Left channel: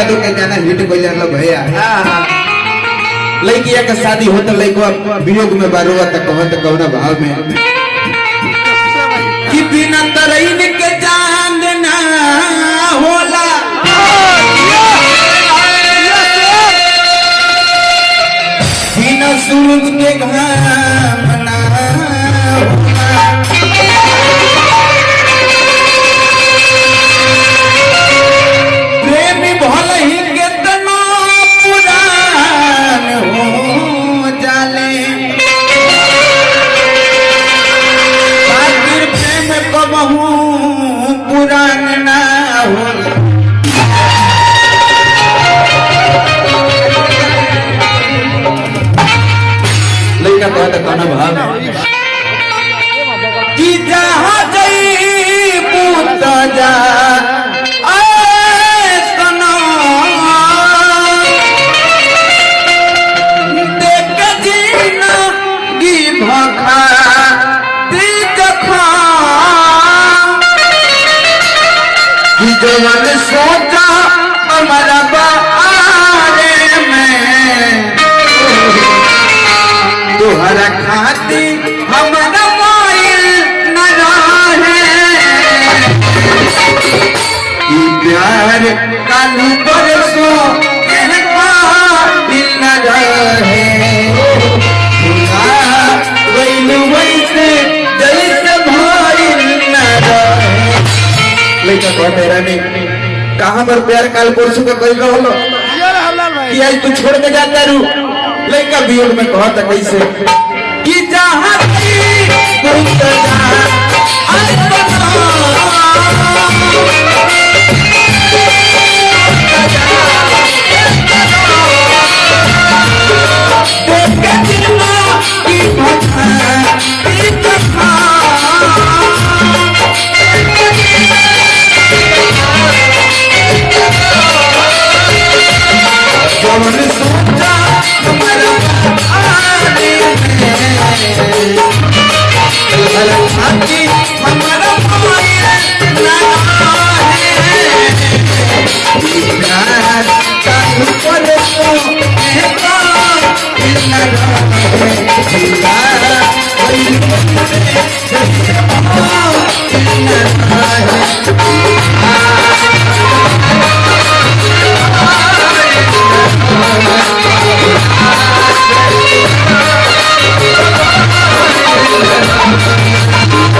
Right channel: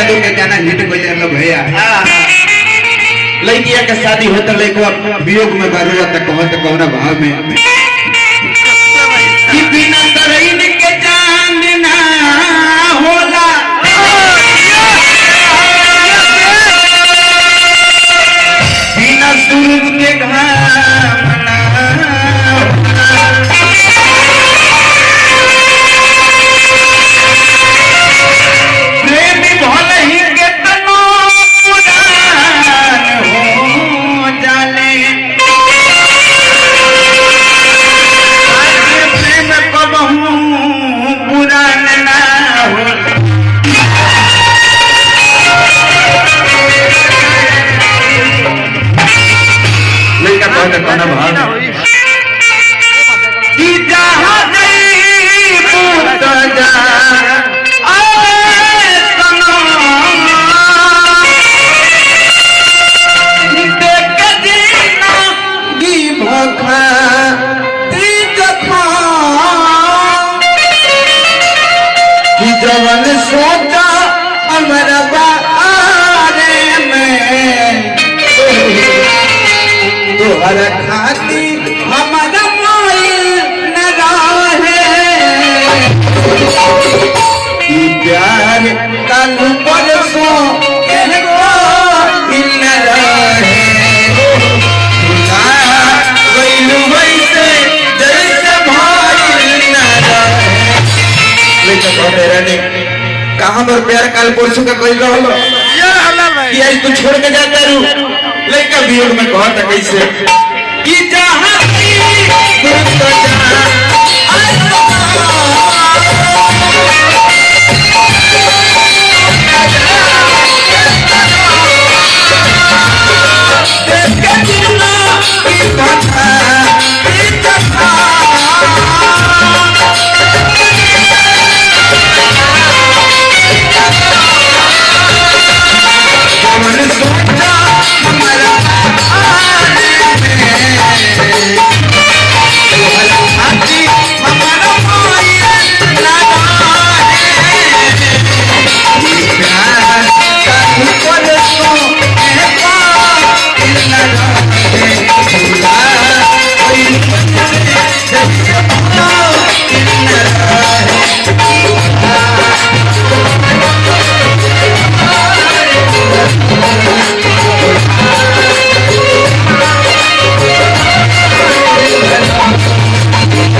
यादव के गाना हिट हो जाए भैया। लड़किया का शादी होता लड़का वियोग में बारुआ तक कौन भाव में कि बिना तरईन के जान ना होला, बिना सूरज के घाम ना प्रेमी भले ही के तना पुरान हो जाले, प्रेम कबहू पुरान ना हो। लड़का कहता कहना भाव कि जहाँ गई पूता जा जवन सोचा हमारा बारे में तुहरा खाती हमारा माइल न रहे, प्यार कालू परसों न रहे, जैसे भाई न रहे। कहाँ पर प्यार काल परसों का कोई रहो कि आज तू छोड़ के जाता रू लड़का वियोग में कहा था कैसे कि जहाँ I